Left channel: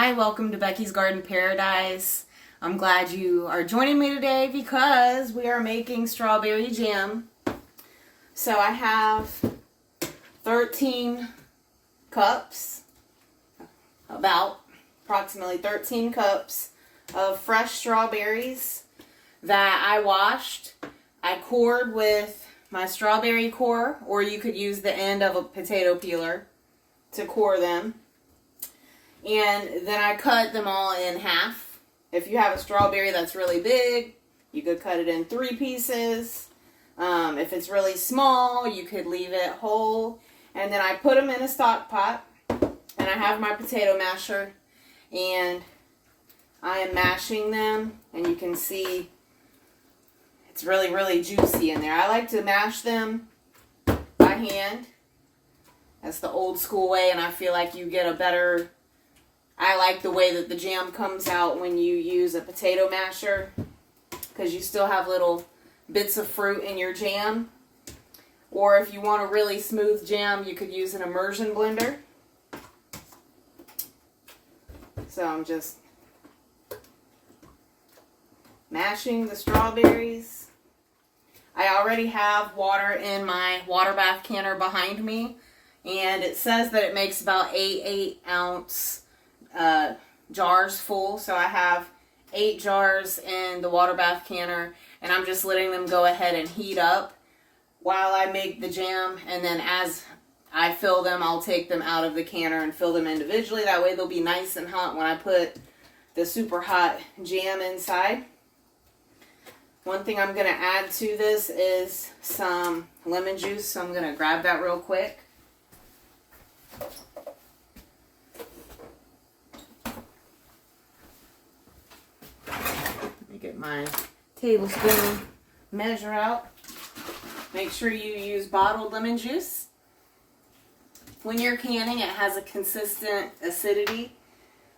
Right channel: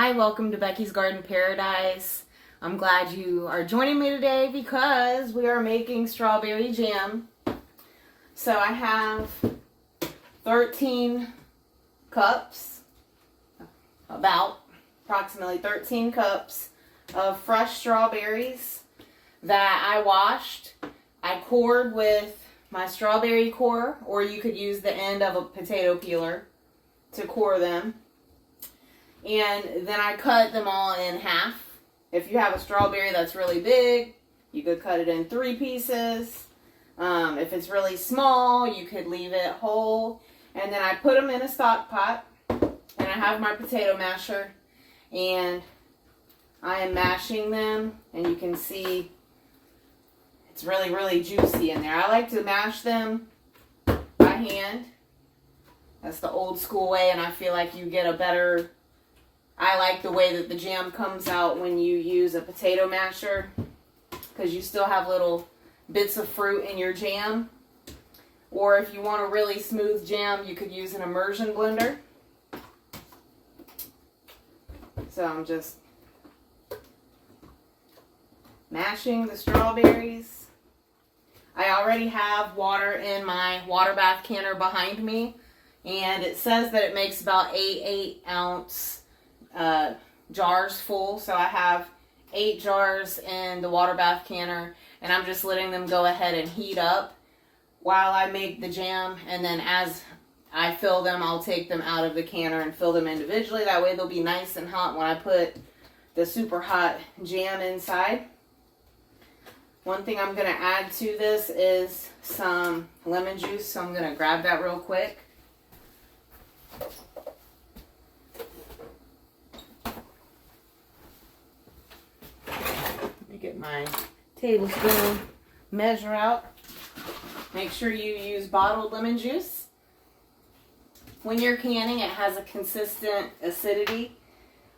Hi, welcome to Becky's Garden Paradise. I'm glad you are joining me today because we are making strawberry jam. So I have 13 cups, approximately 13 cups of fresh strawberries that I washed. I cored with my strawberry core, or you could use the end of a potato peeler to core them. And then I cut them all in half. If you have a strawberry that's really big, you could cut it in 3 pieces. If it's really small, you could leave it whole. And then I put them in a stock pot. And I have my potato masher. And I am mashing them. And you can see it's really, really juicy in there. I like to mash them by hand. That's the old school way. And I feel like you get a better... I like the way that the jam comes out when you use a potato masher, because you still have little bits of fruit in your jam. Or if you want a really smooth jam, you could use an immersion blender. So I'm just mashing the strawberries. I already have water in my water bath canner behind me, and it says that it makes about 8 ounce jars full. So I have 8 jars in the water bath canner, and I'm just letting them go ahead and heat up while I make the jam. And then as I fill them, I'll take them out of the canner and fill them individually. That way they'll be nice and hot when I put the super hot jam inside. One thing I'm going to add to this is some lemon juice, so I'm going to grab that real quick. Get my tablespoon measure out. Make sure you use bottled lemon juice. When you're canning, it has a consistent acidity.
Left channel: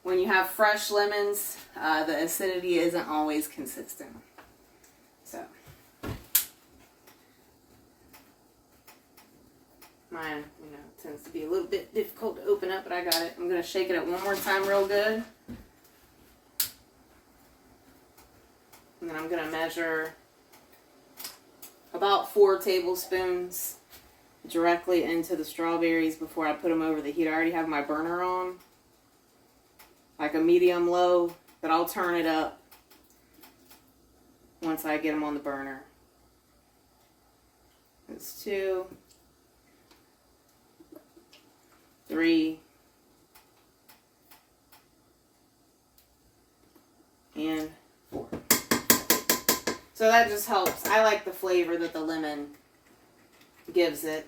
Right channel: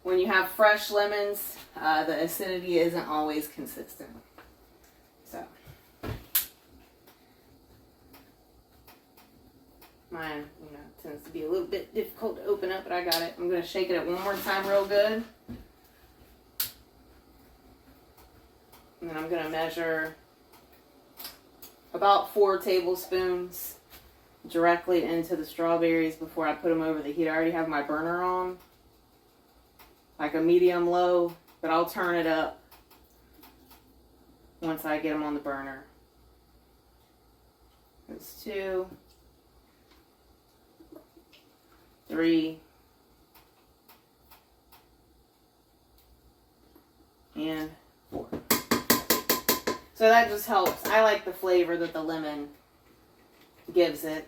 When you have fresh lemons, the acidity isn't always consistent. So, mine, tends to be a little bit difficult to open up, but I got it. I'm going to shake it up one more time real good. And then I'm going to measure about 4 tablespoons directly into the strawberries before I put them over the heat. I already have my burner on, like a medium-low, but I'll turn it up once I get them on the burner. That's 2, 3, and 4. So that just helps. I like the flavor that the lemon gives it.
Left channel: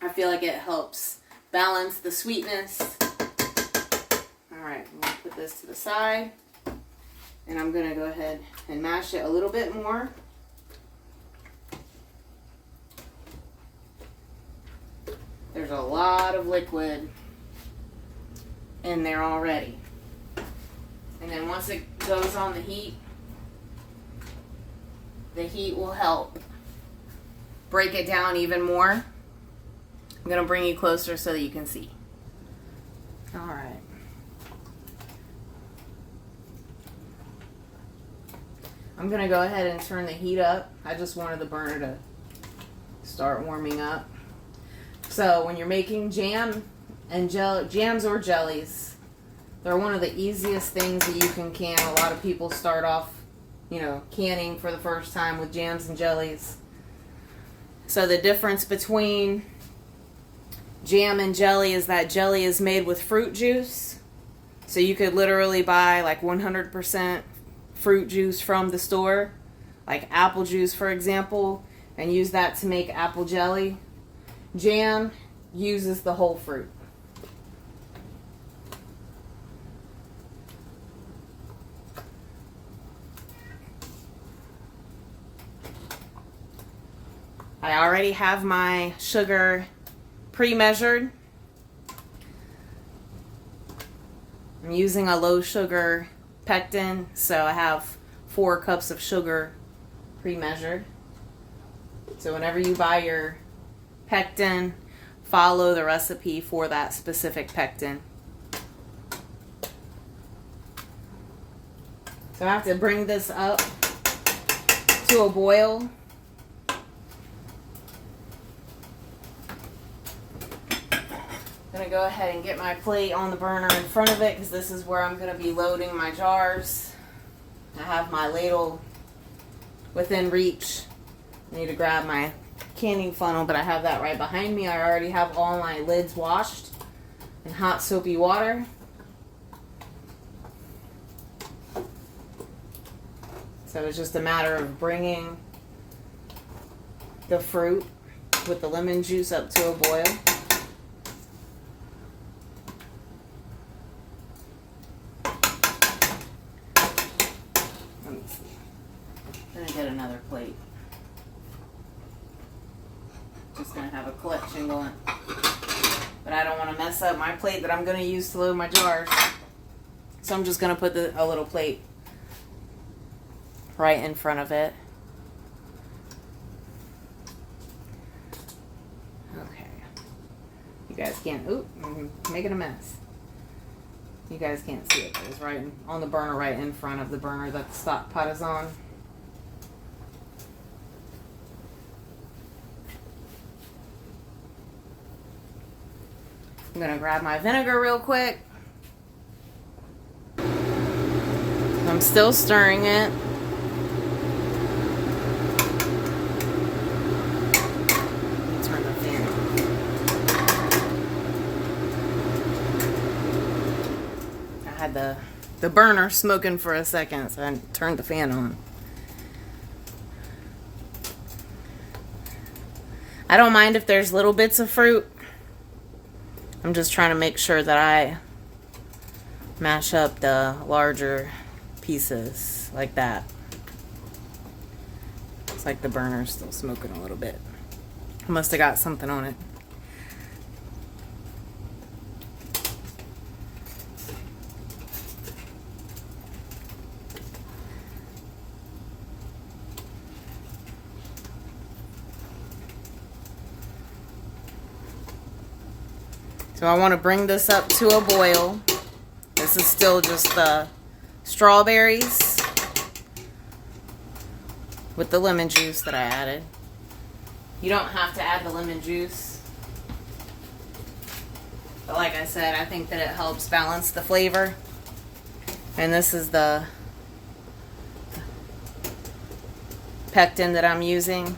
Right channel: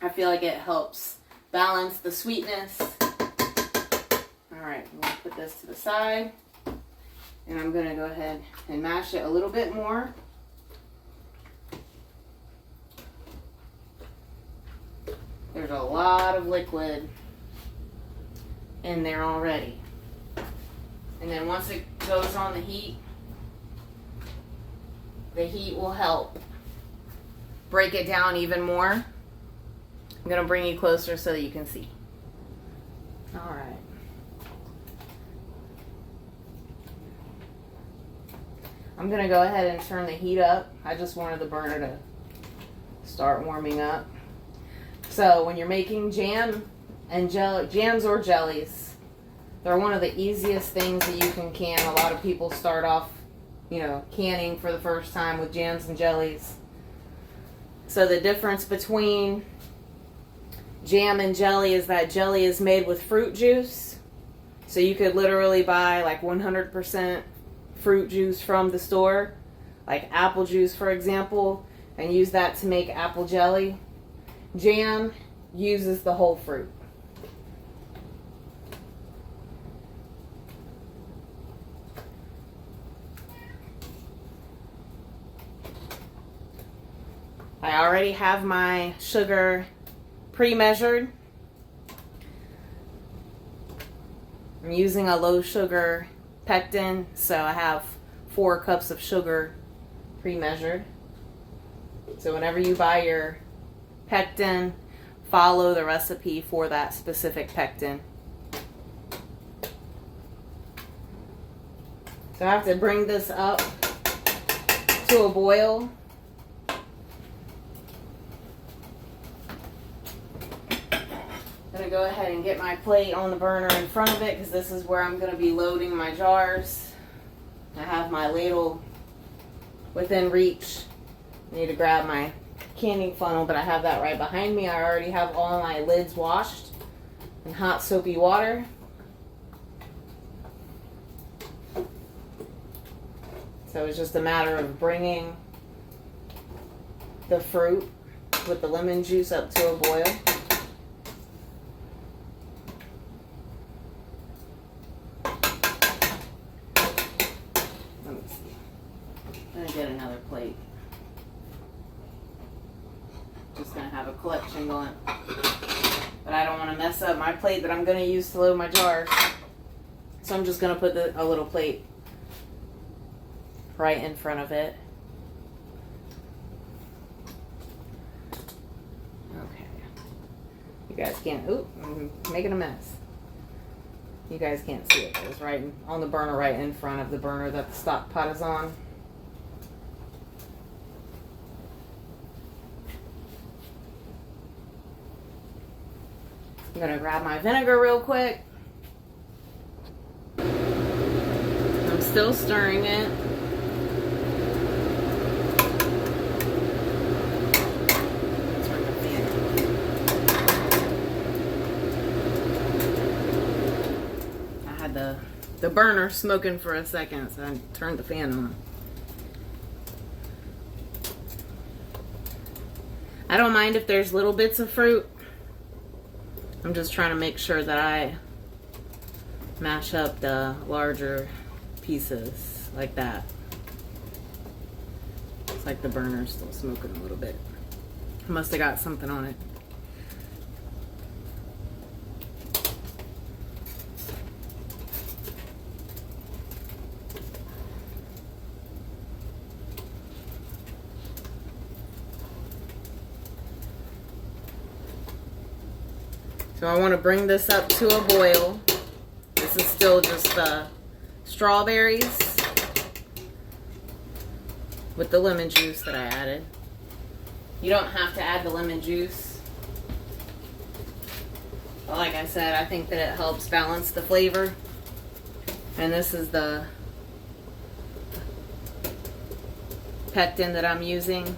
I feel like it helps balance the sweetness. Alright, I'm going to put this to the side. And I'm going to go ahead and mash it a little bit more. There's a lot of liquid in there already. And then once it goes on the heat will help break it down even more. I'm going to bring you closer so that you can see. Alright. I'm going to go ahead and turn the heat up. I just wanted the burner to start warming up. So when you're making jam and jams or jellies, they're one of the easiest things that you can can. A lot of people start off canning for the first time with jams and jellies. So the difference between jam and jelly is that jelly is made with fruit juice. So you could literally buy like 100% fruit juice from the store, like apple juice for example, and use that to make apple jelly. Jam uses the whole fruit. I already have my sugar pre-measured. I'm using a low sugar pectin, so I have 4 cups of sugar pre-measured. So whenever you buy your pectin, follow the recipe for that specific pectin. So I have to bring this up to a boil. I'm going to go ahead and get my plate on the burner in front of it because this is where I'm going to be loading my jars. I have my ladle within reach. I need to grab my canning funnel, but I have that right behind me. I already have all my lids washed in hot soapy water. So it's just a matter of bringing the fruit with the lemon juice up to a boil. Let me see. I'm gonna get another plate. Just gonna have a collection going. But I don't want to mess up my plate that I'm gonna use to load my jars. So I'm just gonna put a little plate right in front of it. Okay. You guys can't, oop, I'm making a mess. You guys can't see it, but it's right on the burner, right in front of the burner that the stock pot is on. I'm gonna grab my vinegar real quick. I'm still stirring it. The burner smoking for a second, so I turned the fan on. I don't mind if there's little bits of fruit. I'm just trying to make sure that I mash up the larger pieces like that. It's like the burner's still smoking a little bit. Must have got something on it. So I want to bring this up to a boil. This is still just the strawberries with the lemon juice that I added. You don't have to add the lemon juice. But like I said, I think that it helps balance the flavor. And this is the pectin that I'm using.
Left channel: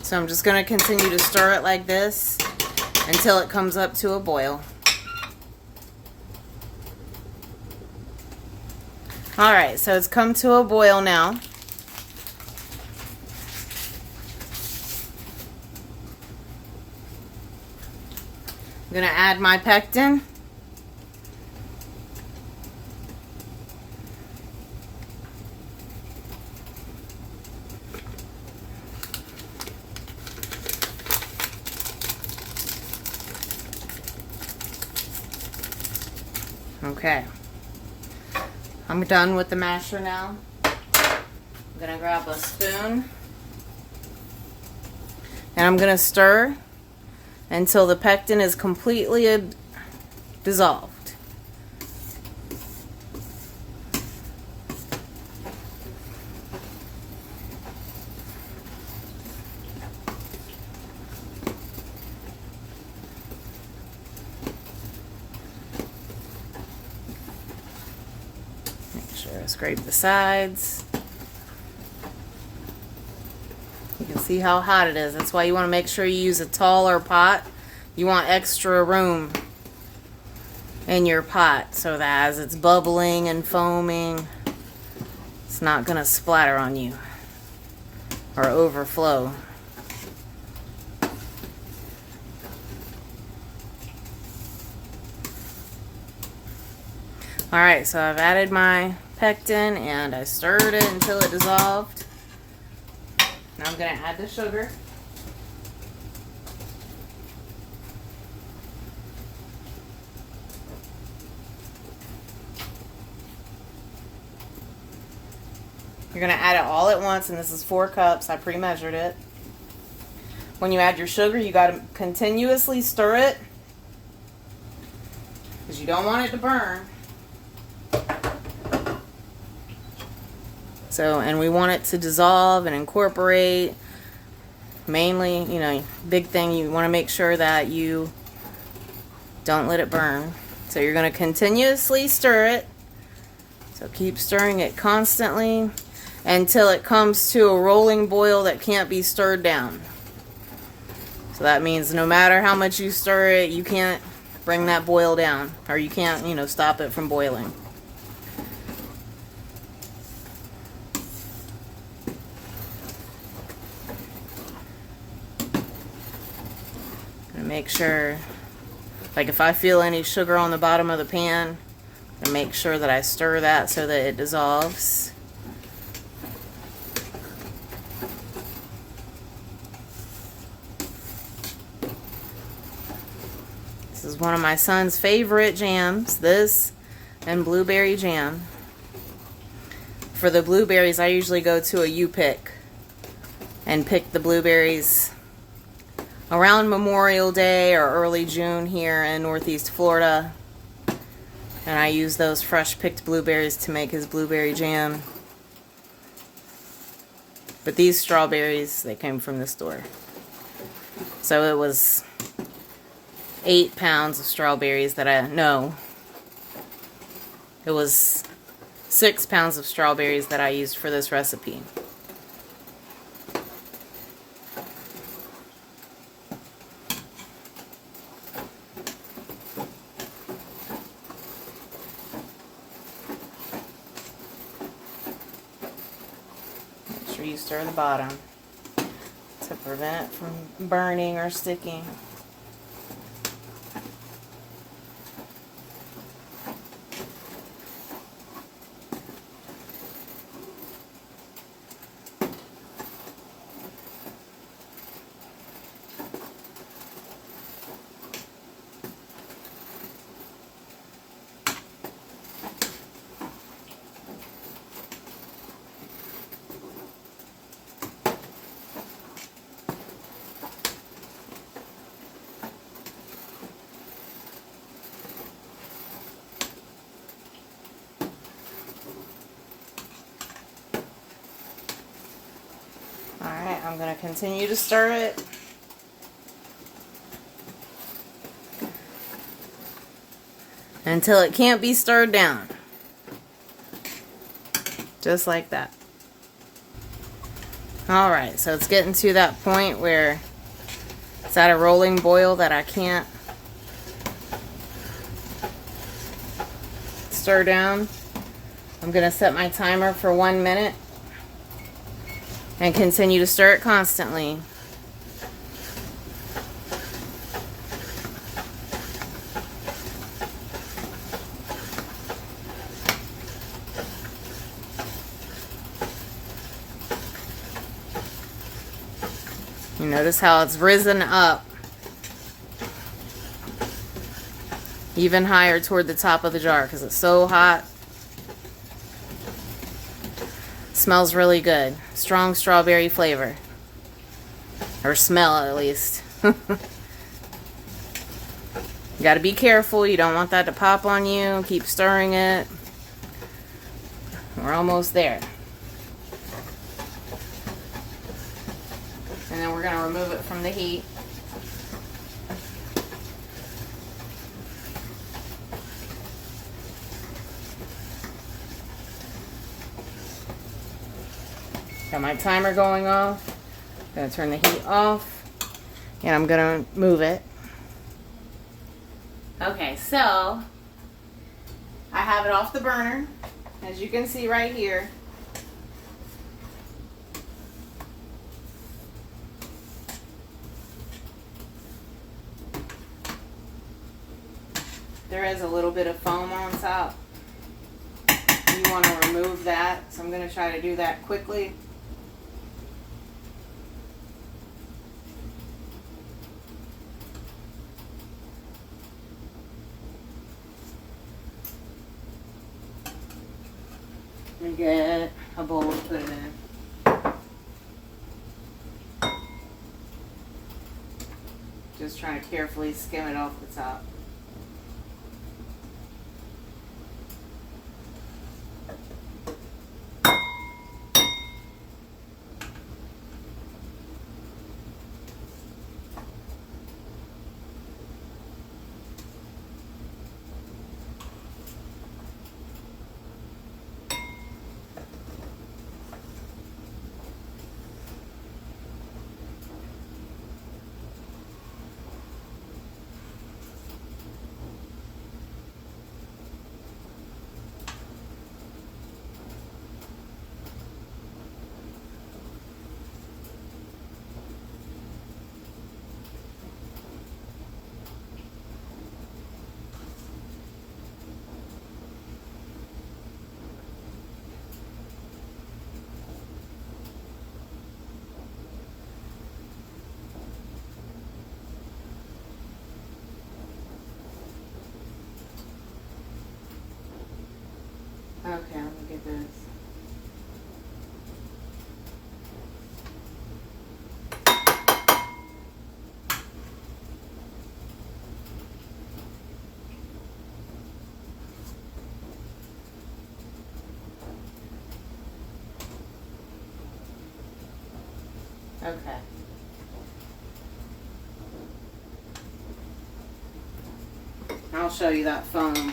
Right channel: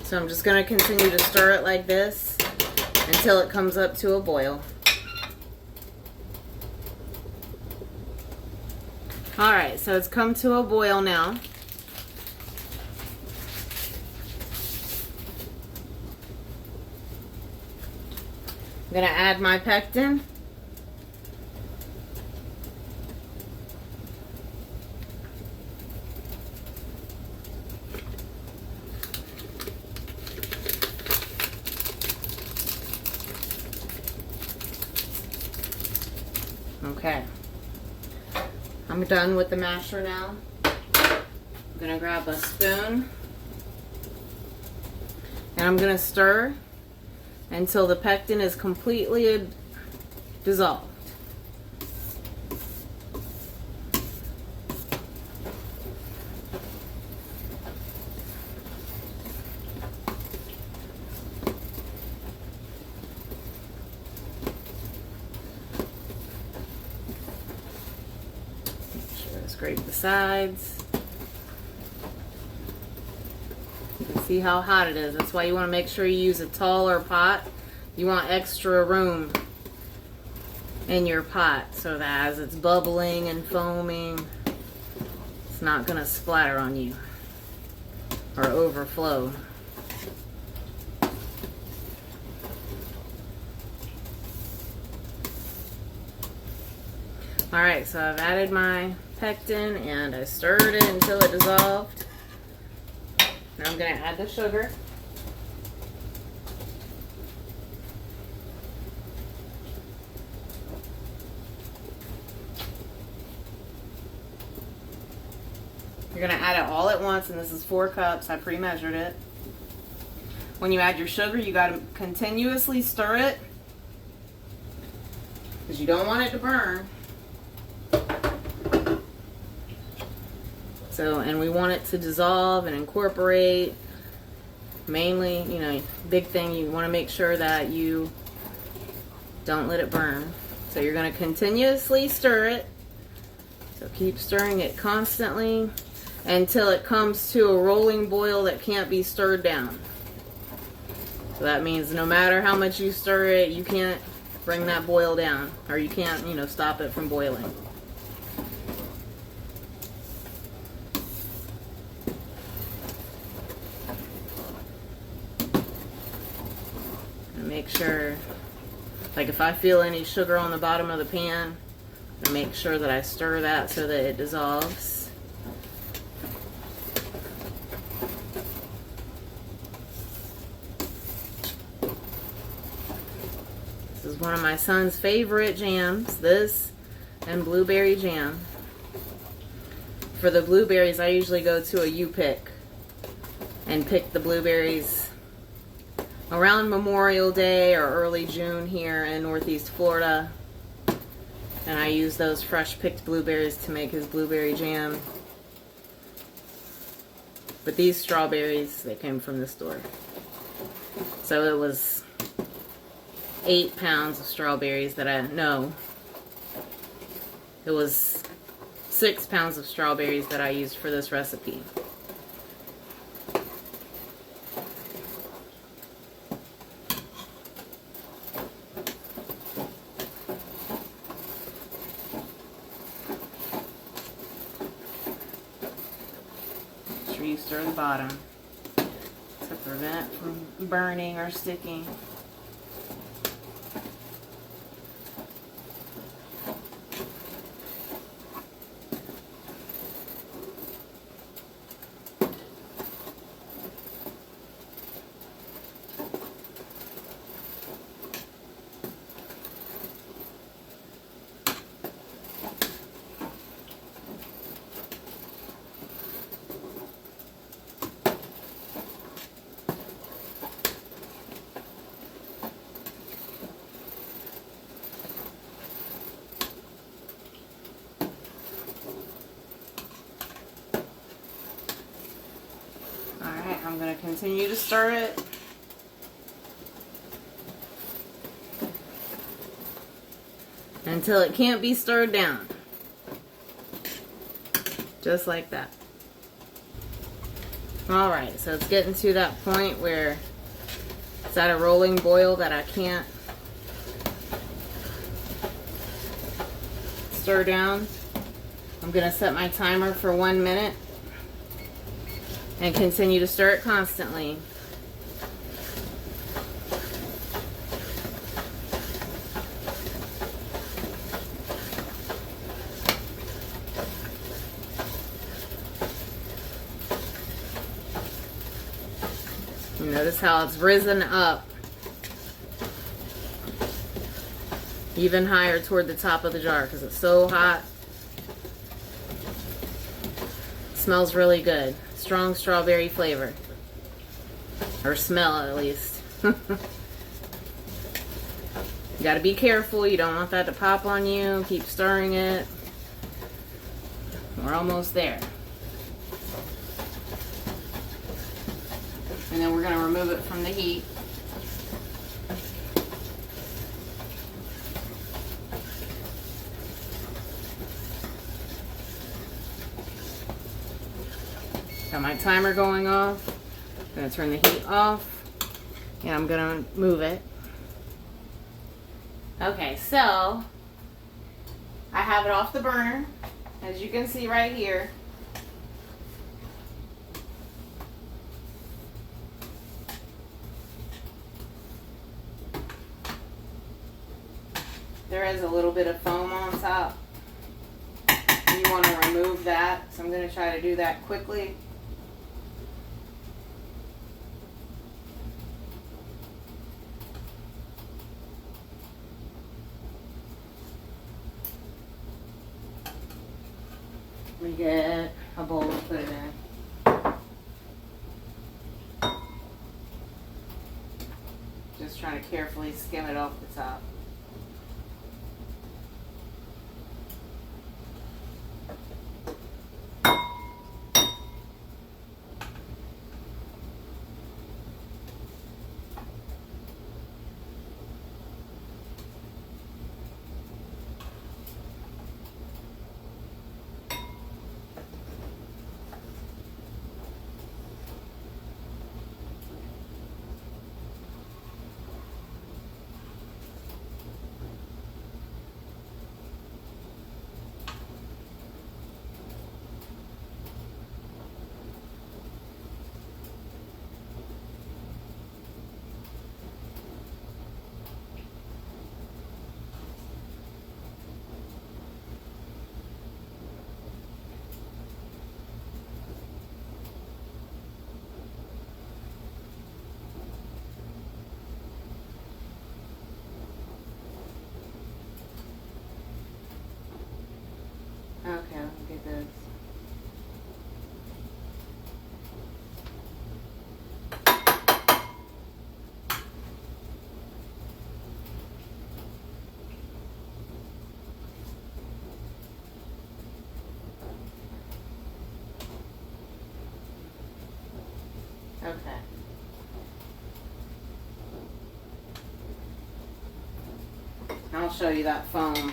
So I'm just going to continue to stir it like this until it comes up to a boil. Alright, so it's come to a boil now. I'm going to add my pectin. Okay, I'm done with the masher now. I'm gonna grab a spoon and I'm gonna stir until the pectin is completely dissolved. Scrape the sides. You can see how hot it is. That's why you want to make sure you use a taller pot. You want extra room in your pot so that as it's bubbling and foaming, it's not going to splatter on you or overflow. Alright, so I've added my pectin and I stirred it until it dissolved. Now I'm going to add the sugar. You're going to add it all at once, and this is 4 cups. I pre-measured it. When you add your sugar, you got to continuously stir it because you don't want it to burn. So, and we want it to dissolve and incorporate. Mainly, you know, big thing, you want to make sure that you don't let it burn. So you're going to continuously stir it. So keep stirring it constantly until it comes to a rolling boil that can't be stirred down. So that means no matter how much you stir it, you can't bring that boil down, or you can't, you know, stop it from boiling. And make sure, like if I feel any sugar on the bottom of the pan, I make sure that I stir that so that it dissolves. This is one of my son's favorite jams, this and blueberry jam. For the blueberries, I usually go to a U-Pick and pick the blueberries around Memorial Day or early June here in Northeast Florida. And I use those fresh picked blueberries to make his blueberry jam. But these strawberries, they came from the store. So it was 8 pounds of strawberries that it was 6 pounds of strawberries that I used for this recipe. Make sure you stir the bottom to prevent it from burning or sticking. I'm going to continue to stir it until it can't be stirred down. Just like that. Alright, so it's getting to that point where it's at a rolling boil that I can't stir down. I'm going to set my timer for 1 minute. And continue to stir it constantly. You notice how it's risen up even higher toward the top of the jar because it's so hot. Smells really good. Strong strawberry flavor. Or smell, at least. You gotta be careful. You don't want that to pop on you. Keep stirring it. We're almost there. And then we're gonna remove it from the heat. Got my timer going off. I'm going to turn the heat off. And I'm going to move it. Okay, so I have it off the burner. As you can see right here. There is a little bit of foam on top. You want to remove that. So I'm going to try to do that quickly. We get a bowl to put it in. Just trying to carefully skim it off the top. Okay, let me get this. Okay. I'll show you that foam.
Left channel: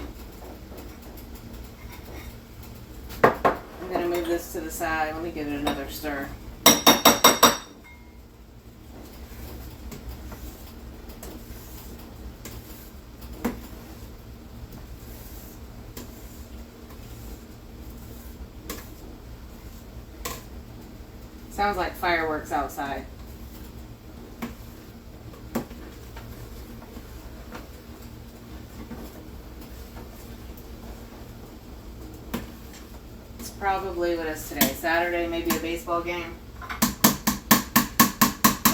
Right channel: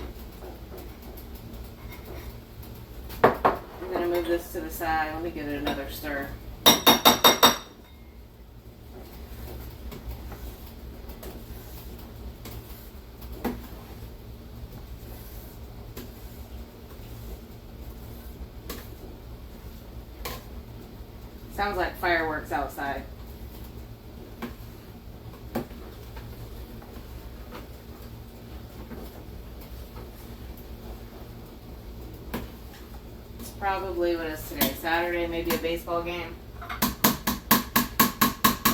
I'm going to move this to the side. Let me give it another stir. Sounds like fireworks outside. It's probably, what is today? Saturday, maybe a baseball game.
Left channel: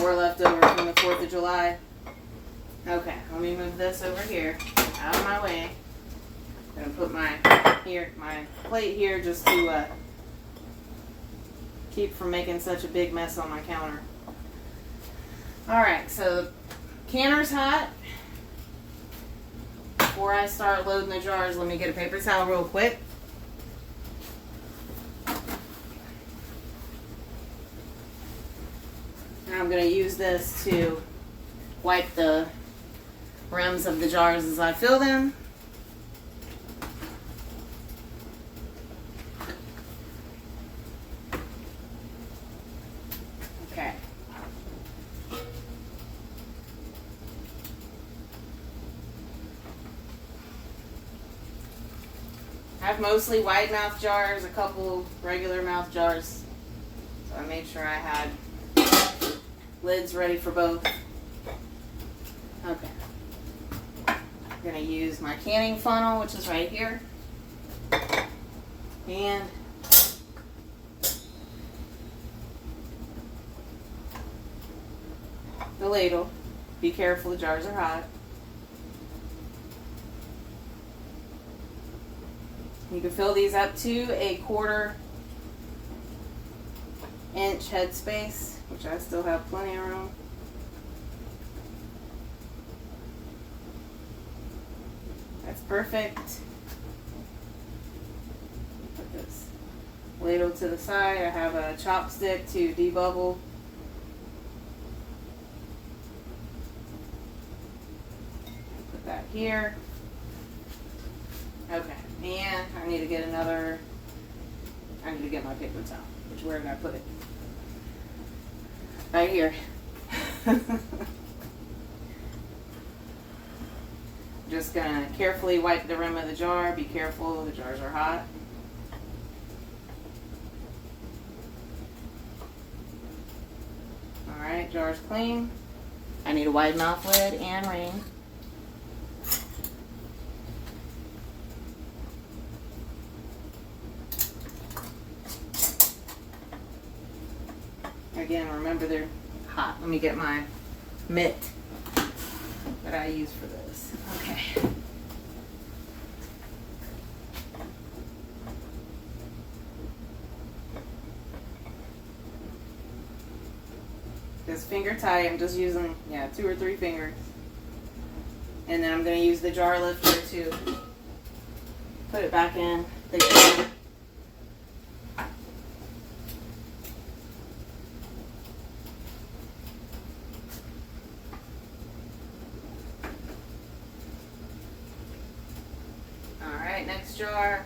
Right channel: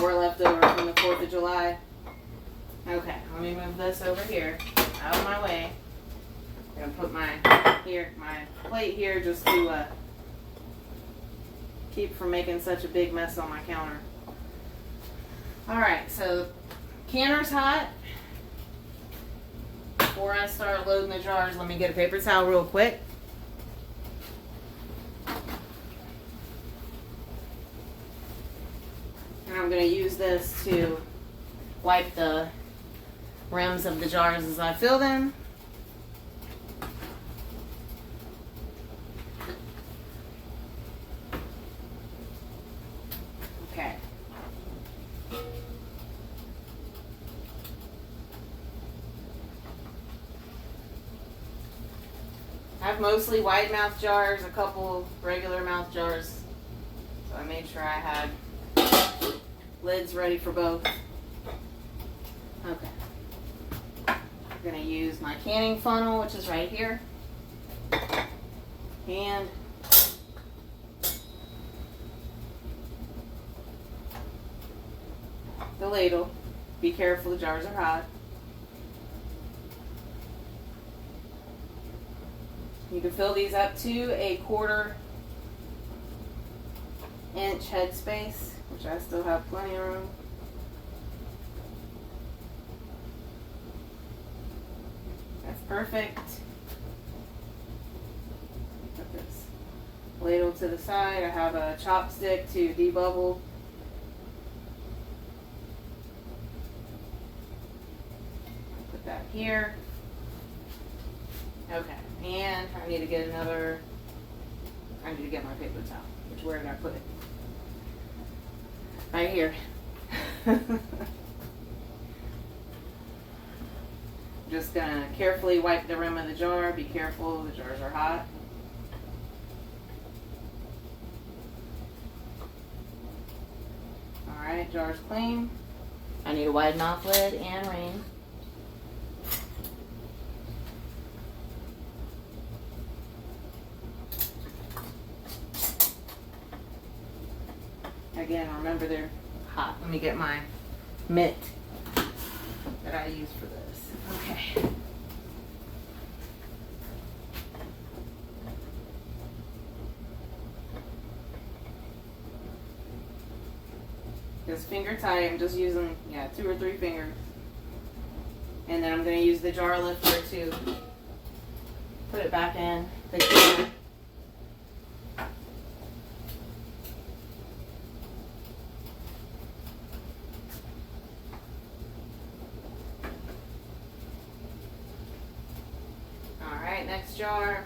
Or leftover from the 4th of July. Okay, let me move this over here, out of my way. I'm gonna put my plate here just to keep from making such a big mess on my counter. Alright, so the canner's hot. Before I start loading the jars, let me get a paper towel real quick. And I'm going to use this to wipe the rims of the jars as I fill them. Okay. I have mostly wide mouth jars, a couple regular mouth jars. So I made sure I had lids ready for both. Okay. I'm going to use my canning funnel, which is right here. And the ladle. Be careful, the jars are hot. You can fill these up to a 1/4 inch headspace, which I still have plenty of room. That's perfect. Put this ladle to the side. I have a chopstick to debubble. Put that here. Okay, and I need to get my paper towel. Where did I put it? Right here. Just gonna carefully wipe the rim of the jar. Be careful, the jars are hot. Alright, jar's clean. I need a wide mouth lid and ring. Again, remember they're hot. Let me get my mitt that I use for this. Okay. Just finger tight. I'm just using, 2 or 3 fingers. And then I'm going to use the jar lifter to put it back in the can. Alright, next jar.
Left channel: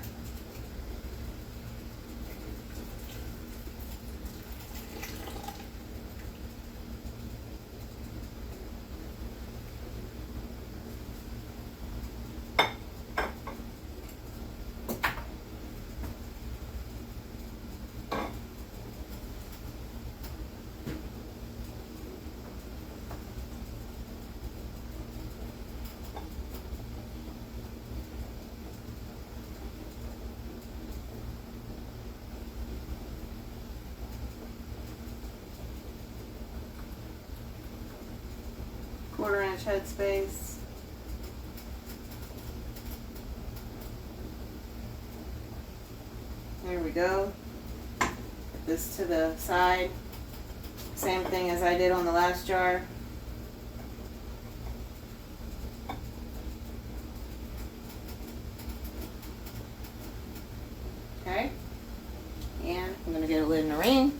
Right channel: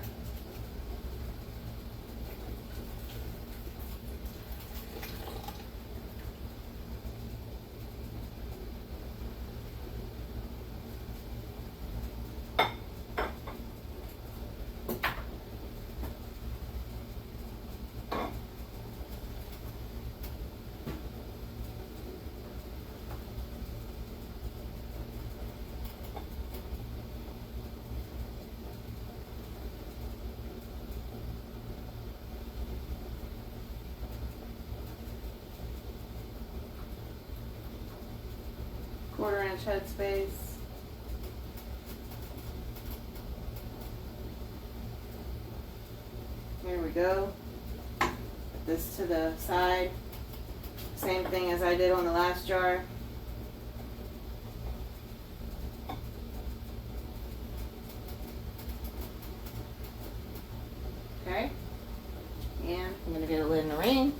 Quarter-inch head space. There we go. Put this to the side. Same thing as I did on the last jar. Okay. And I'm going to get a lid and a ring.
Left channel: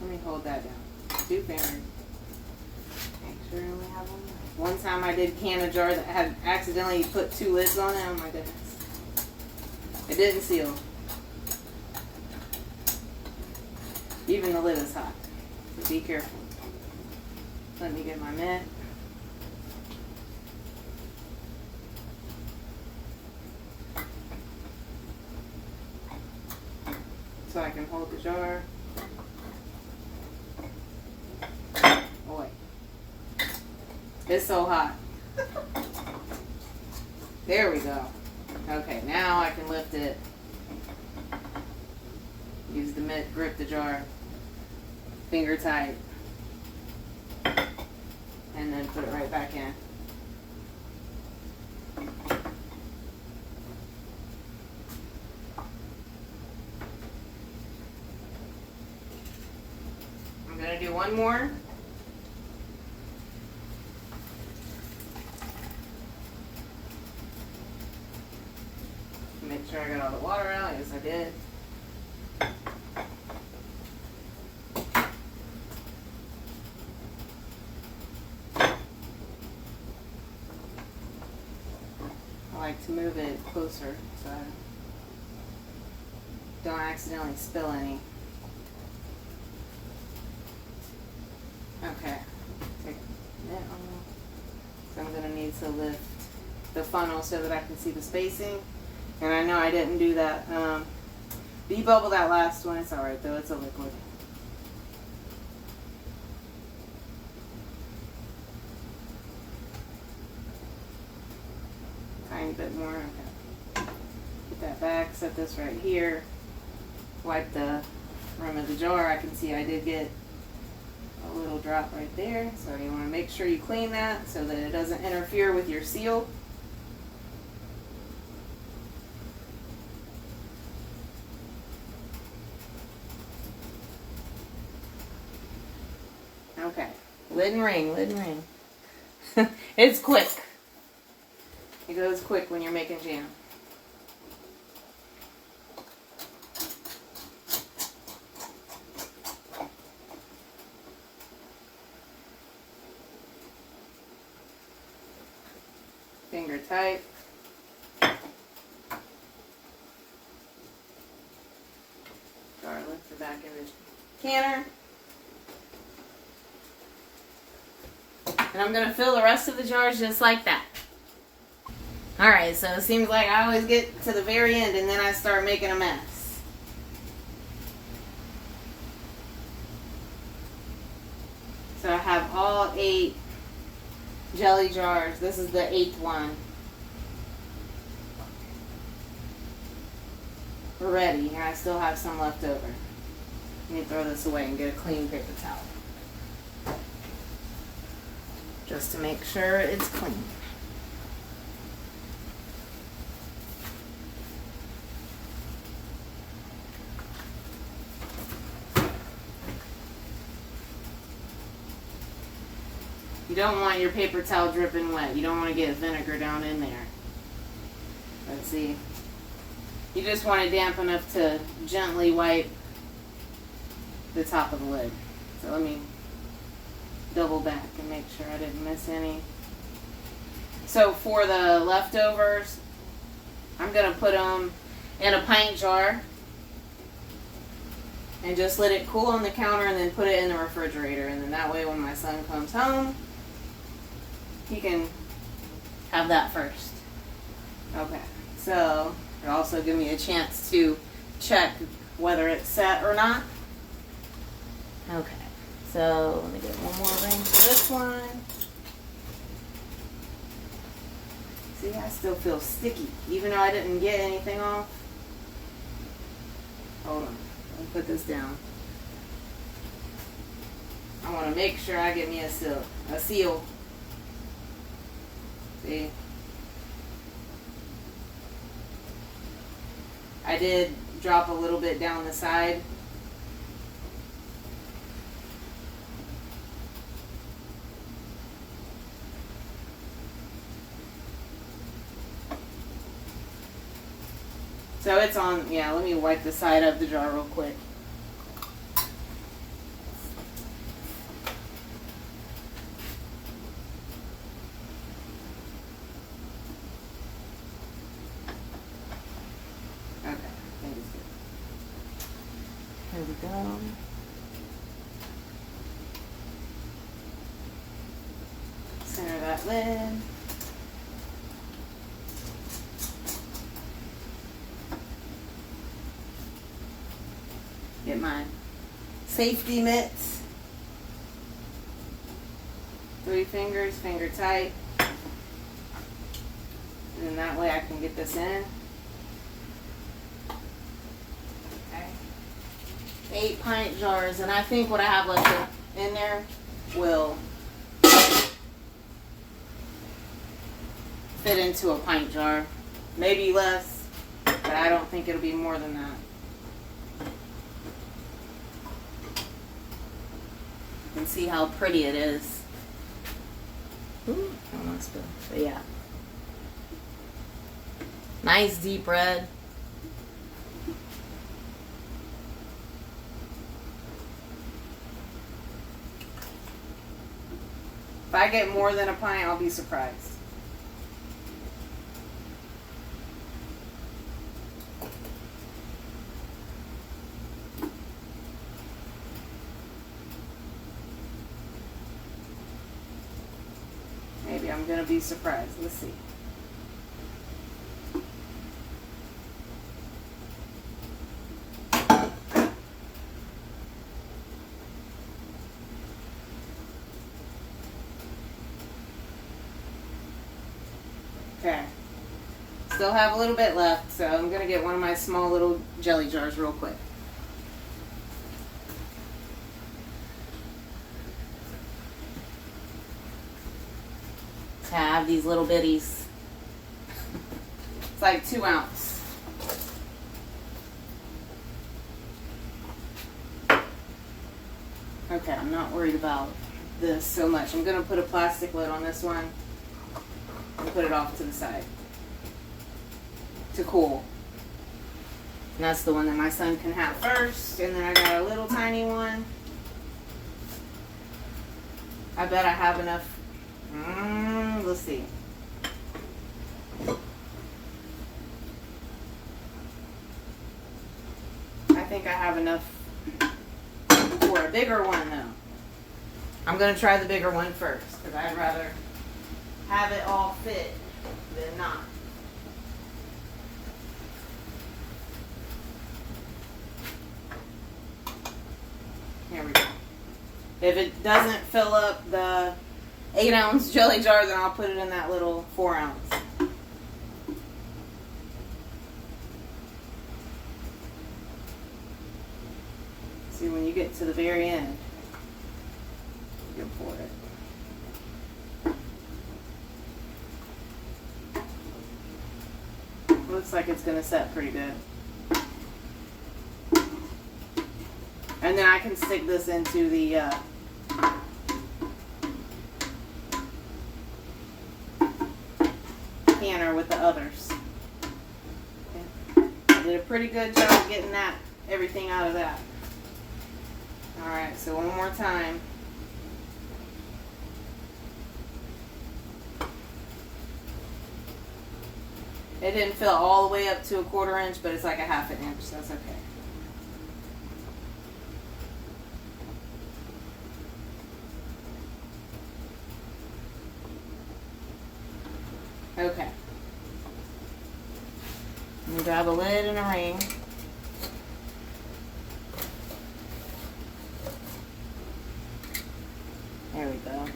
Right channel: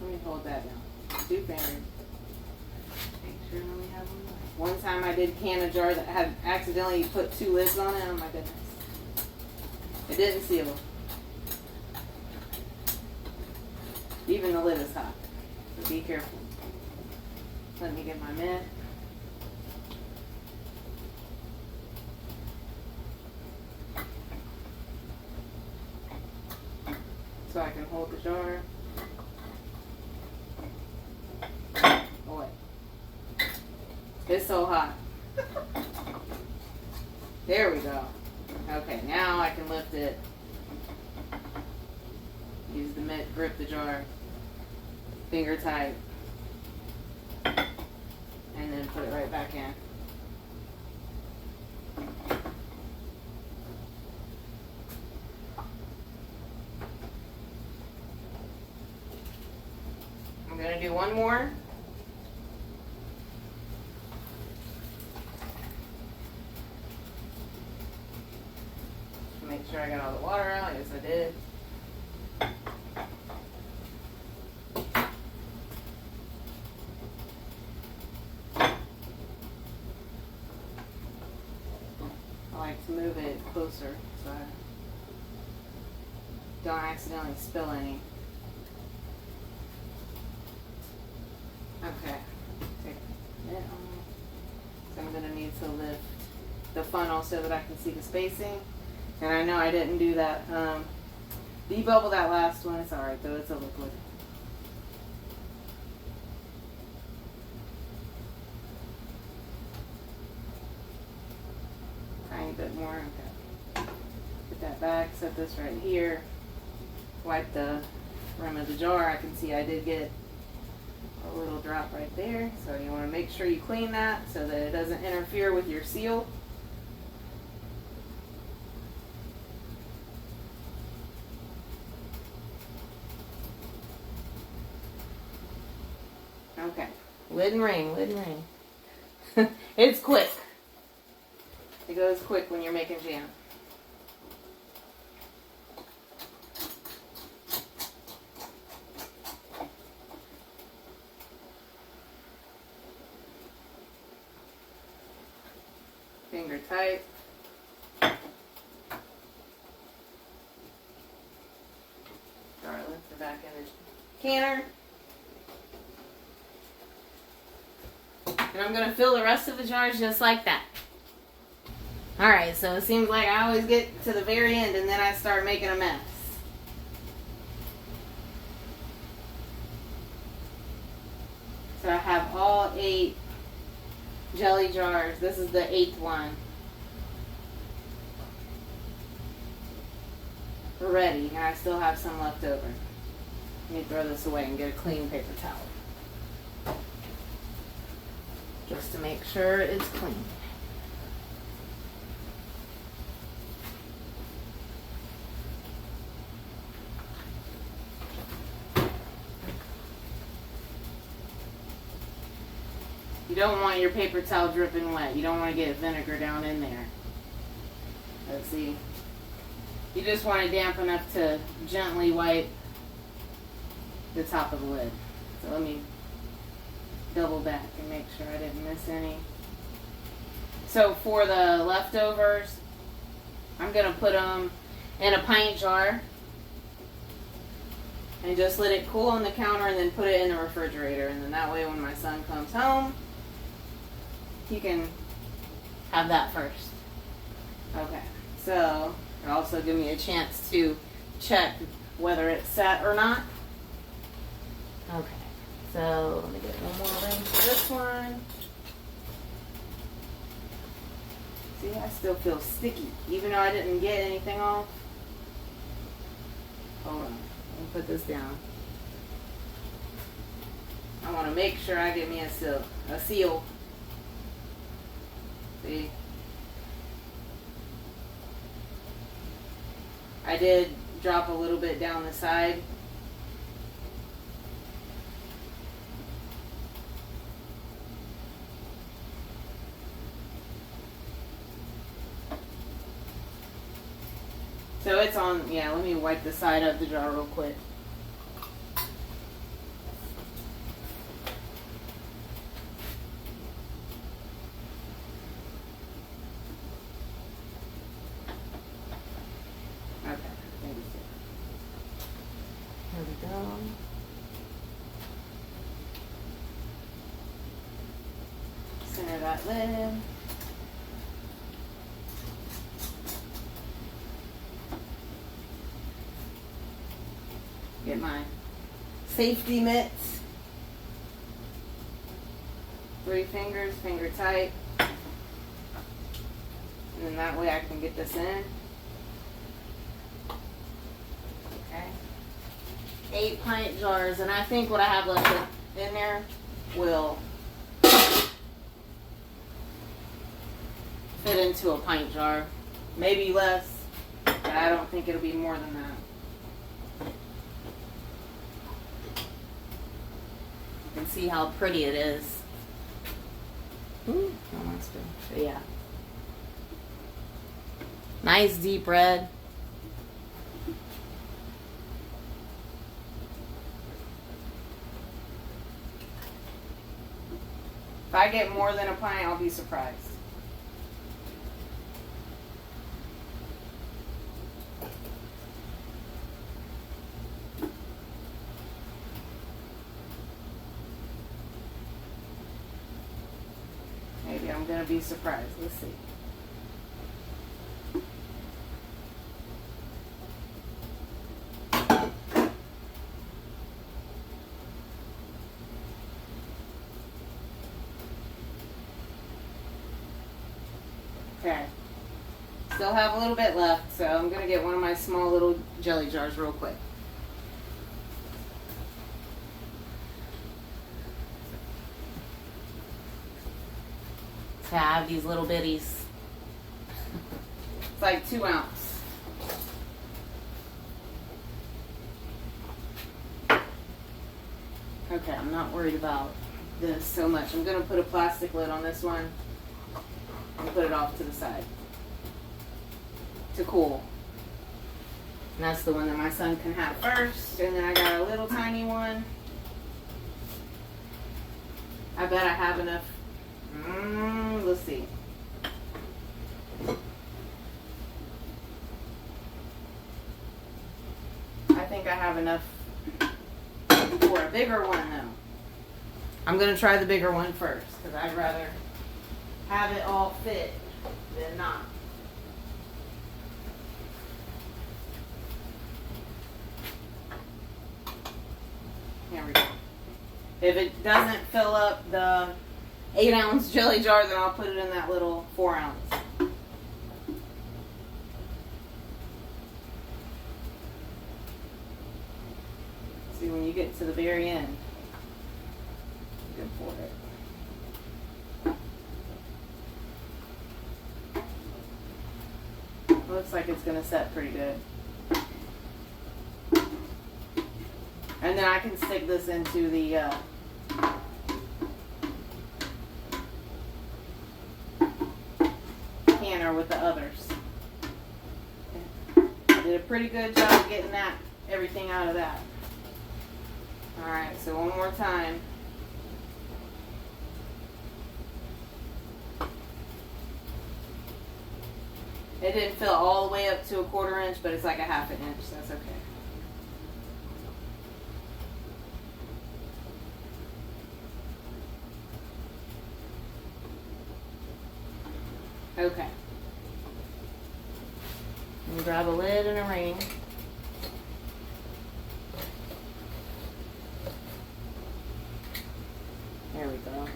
Let me hold that down. 2 fingers. Make sure we have one more. One time I did can a jar that had accidentally put 2 lids on it. Oh my goodness. It didn't seal. Even the lid is hot. So be careful. Let me get my mitt. So I can hold the jar. Oh wait. It's so hot. There we go. Okay, now I can lift it. Use the mitt, grip the jar. Finger tight. And then put it right back in. I'm going to do one more. Make sure I got all the water out. Yes, I did. I like to move it closer so I don't accidentally spill any. Okay. Take it on. So I'm going to need to lift the funnel so that I can see the spacing. And I know I didn't do that. Debubble that last one. It's alright though. It's a liquid. Tiny bit more. Okay. Put that back. Set this right here. Wipe the rim of the jar. I can see I did get a little drop right there. So you want to make sure you clean that so that it doesn't interfere with your seal. Okay, lid and ring, lid and ring. It's quick. It goes quick when you're making jam. Finger tight. Jar lift it back in the canner. And I'm going to fill the rest of the jars just like that. Alright, so it seems like I always get to the very end and then I start making a mess. So I have all 8 jelly jars. This is the 8th one. Ready, and I still have some left over. Let me throw this away and get a clean paper towel. Just to make sure it's clean. You don't want your paper towel dripping wet. You don't want to get vinegar down in there. Let's see. You just want it damp enough to gently wipe the top of the lid. So let me double back and make sure I didn't miss any. So for the leftovers, I'm going to put them in a pint jar and just let it cool on the counter and then put it in the refrigerator. And then that way when my son comes home, he can have that first. Okay, so it'll also give me a chance to check whether it's set or not. Okay, so let me get one more ring for this one. See, I still feel sticky, even though I didn't get anything off. Hold on, let me put this down. I want to make sure I get me a seal. See? I did drop a little bit down the side. So it's on, yeah, let me wipe the side of the jar real quick. There we go. Center that lid. Get my safety mitts. 3 fingers, finger tight. And then that way I can get this in. 8 pint jars, and I think what I have left in there will fit into a pint jar. Maybe less, but I don't think it'll be more than that. You can see how pretty it is. Ooh, almost good. But yeah. Nice deep red. If I get more than a pint, I'll be surprised. Maybe I'm going to be surprised. Let's see. Okay, still have a little bit left, so I'm going to get one of my small little jelly jars real quick. So I have these little bitties. It's like 2 ounce. Okay, I'm not worried about this so much. I'm going to put a plastic lid on this one. And put it off to the side to cool. And that's the one that my son can have first. And then I got a little tiny one. I bet I have enough. Let's see. I think I have enough for a bigger one though. I'm going to try the bigger one first because I'd rather have it all fit than not. Here we go. If it doesn't fill up the 8 ounce jelly jar, then I'll put it in that little 4 ounce. See, when you get to the very end, you can pour it. Looks like it's gonna set pretty good. And then I can stick this into the canner with the others. Okay. I did a pretty good job getting everything out of that. Alright, so one more time. It didn't fill all the way up to a 1/4 inch, but it's like a 1/2 inch, so that's okay. Okay. And grab a lid and a ring. There we go.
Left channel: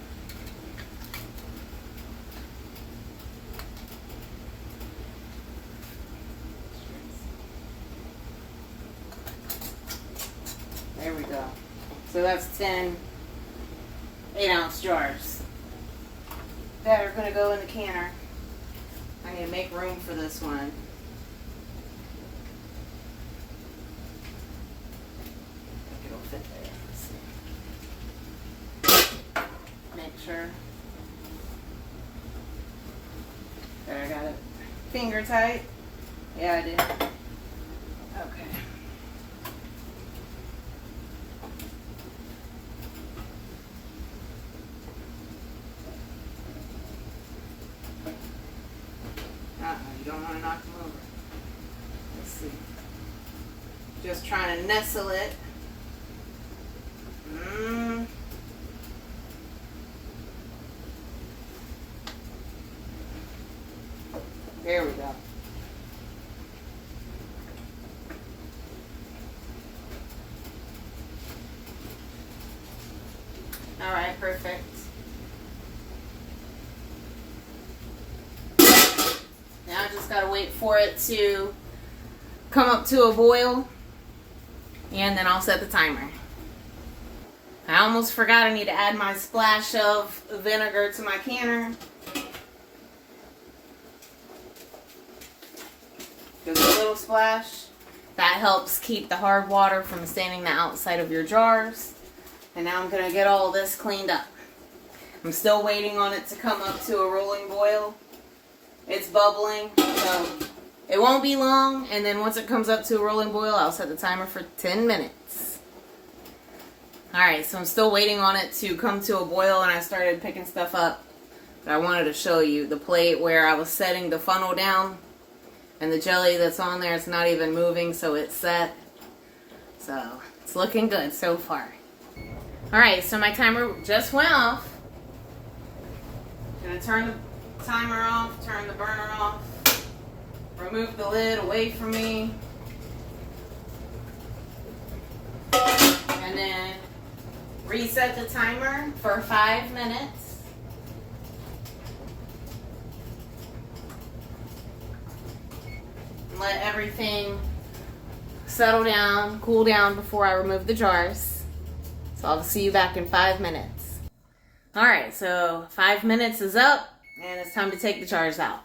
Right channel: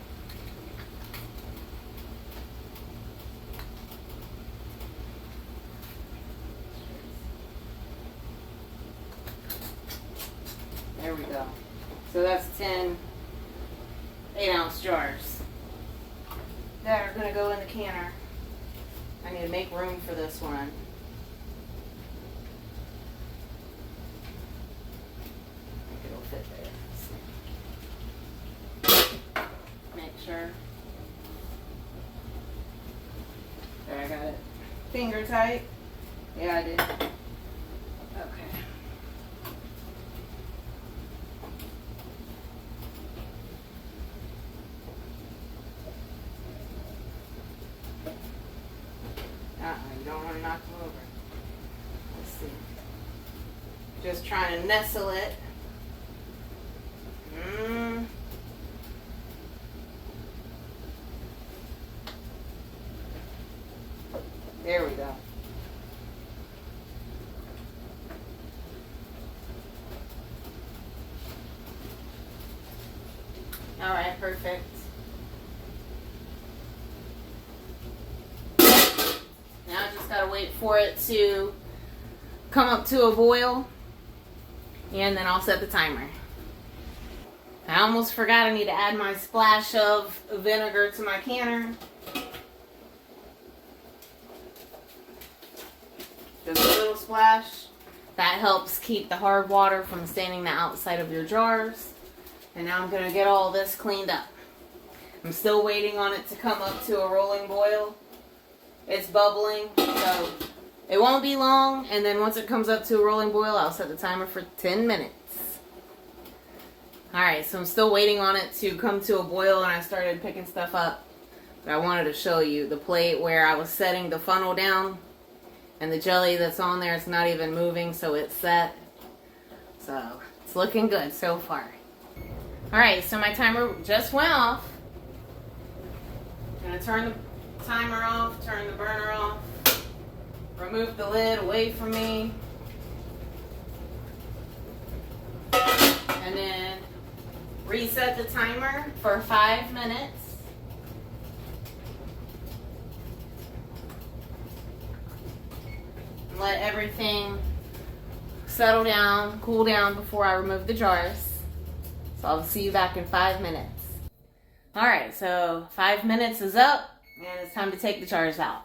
There we go. So that's 10 8-ounce jars that are going to go in the canner. I need to make room for this one. I think it'll fit there. Make sure. There, I got it. Finger tight. Yeah, I did. Okay. You don't want to knock them over. Let's see. Just trying to nestle it. There we go. All right, perfect. Now I just gotta wait for it to come up to a boil, and then I'll set the timer. I almost forgot I need to add my splash of vinegar to my canner. Just a little splash. That helps keep the hard water from staining the outside of your jars. And now I'm gonna get all this cleaned up. I'm still waiting on it to come up to a rolling boil. It's bubbling, so it won't be long. And then once it comes up to a rolling boil, I'll set the timer for 10 minutes. Alright, so I'm still waiting on it to come to a boil, and I started picking stuff up. But I wanted to show you the plate where I was setting the funnel down. And the jelly that's on there, it's not even moving, so it's set. So, it's looking good so far. Alright, so my timer just went off. I'm going to turn the timer off, turn the burner off, remove the lid away from me, and then reset the timer for 5 minutes. Let everything settle down, cool down before I remove the jars. So I'll see you back in 5 minutes. Alright, so 5 minutes is up, and it's time to take the jars out.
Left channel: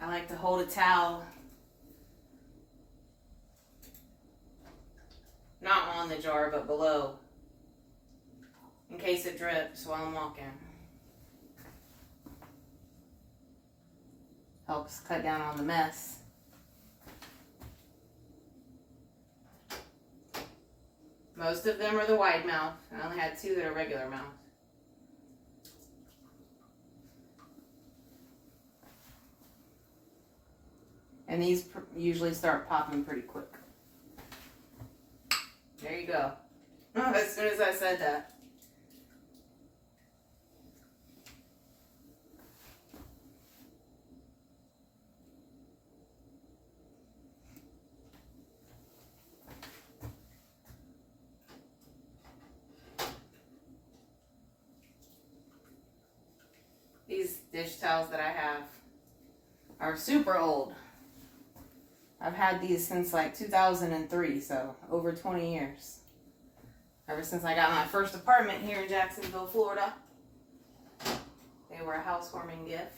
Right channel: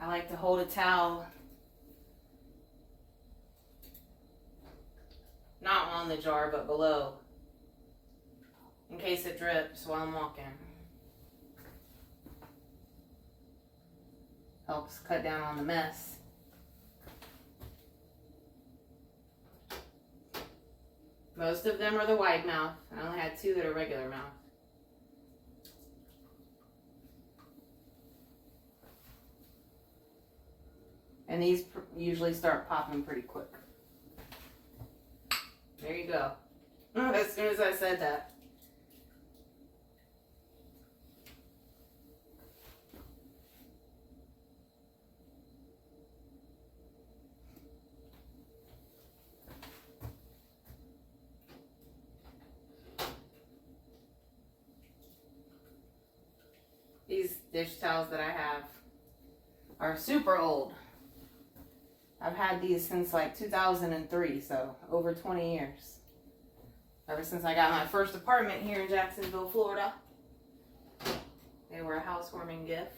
I like to hold a towel, not on the jar, but below, in case it drips while I'm walking. Helps cut down on the mess. Most of them are the wide mouth. I only had 2 that are regular mouth. And these usually start popping pretty quick. There you go. Oh, as soon as I said that. These dish towels that I have are super old. I've had these since like 2003, so over 20 years. Ever since I got my first apartment here in Jacksonville, Florida. They were a housewarming gift.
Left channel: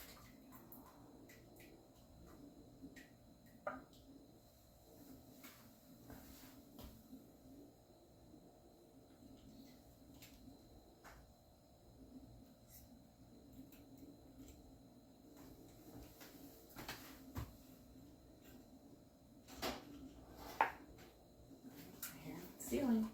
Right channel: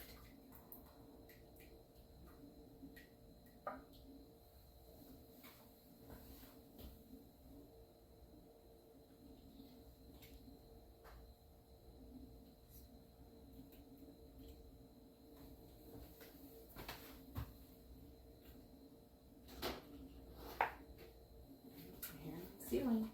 Here on the ceiling.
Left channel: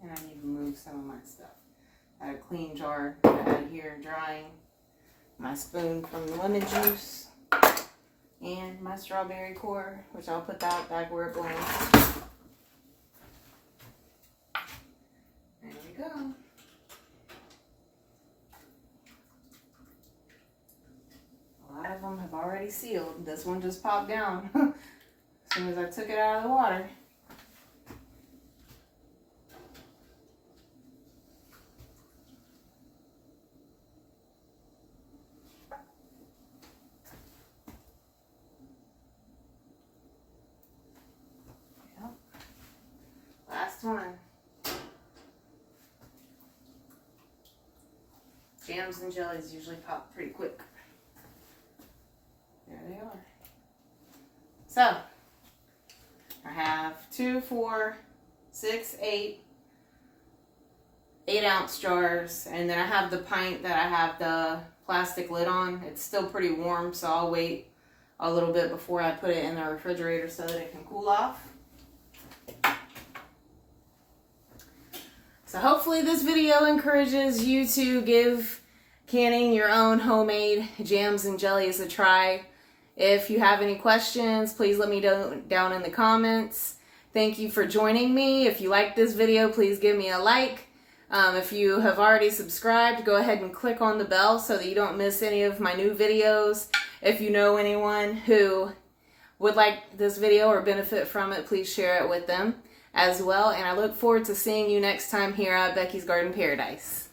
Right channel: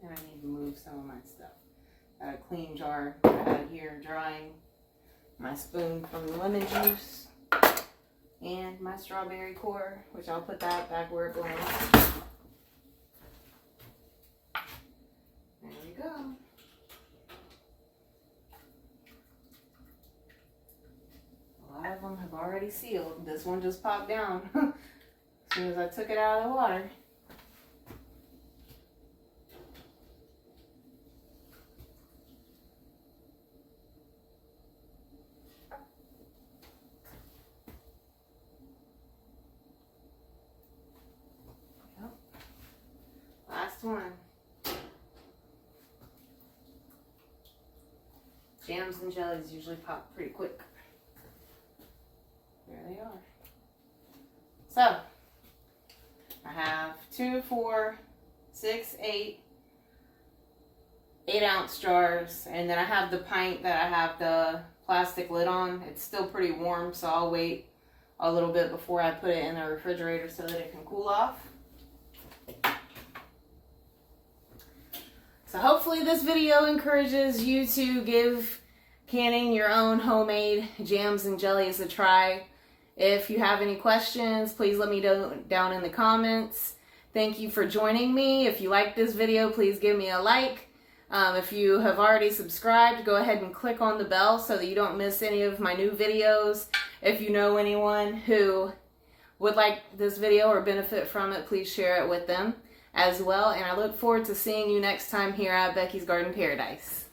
And I need to move some of my stuff. I had a clean jar I had here drying. My spoon from the lemon juice. And my strawberry core, which I'll put that back where it belongs. There we go. A lot of them have already sealed. This one just popped down as soon as I took it out of the water. Last one. Jams and jellies usually pop pretty quick. There they are. So, I have 2, 4, 6, 8 8-ounce jars, and then I have the pint that I have the plastic lid on. It's still pretty warm, so I'll wait a little bit before I put it in the refrigerator so that it can cool off. So hopefully this video encourages you to give canning your own homemade jams and jellies a try. If you have any questions, please let me know down in the comments. Thank you for joining me. If you like this video, please give me a like. If you have already subscribed, go ahead and click on the bell so that you don't miss any of my new videos. If you know anyone who would like this video or benefit from it, please share it with them as well. And I look forward to seeing you next time here at Becky's Garden Paradise.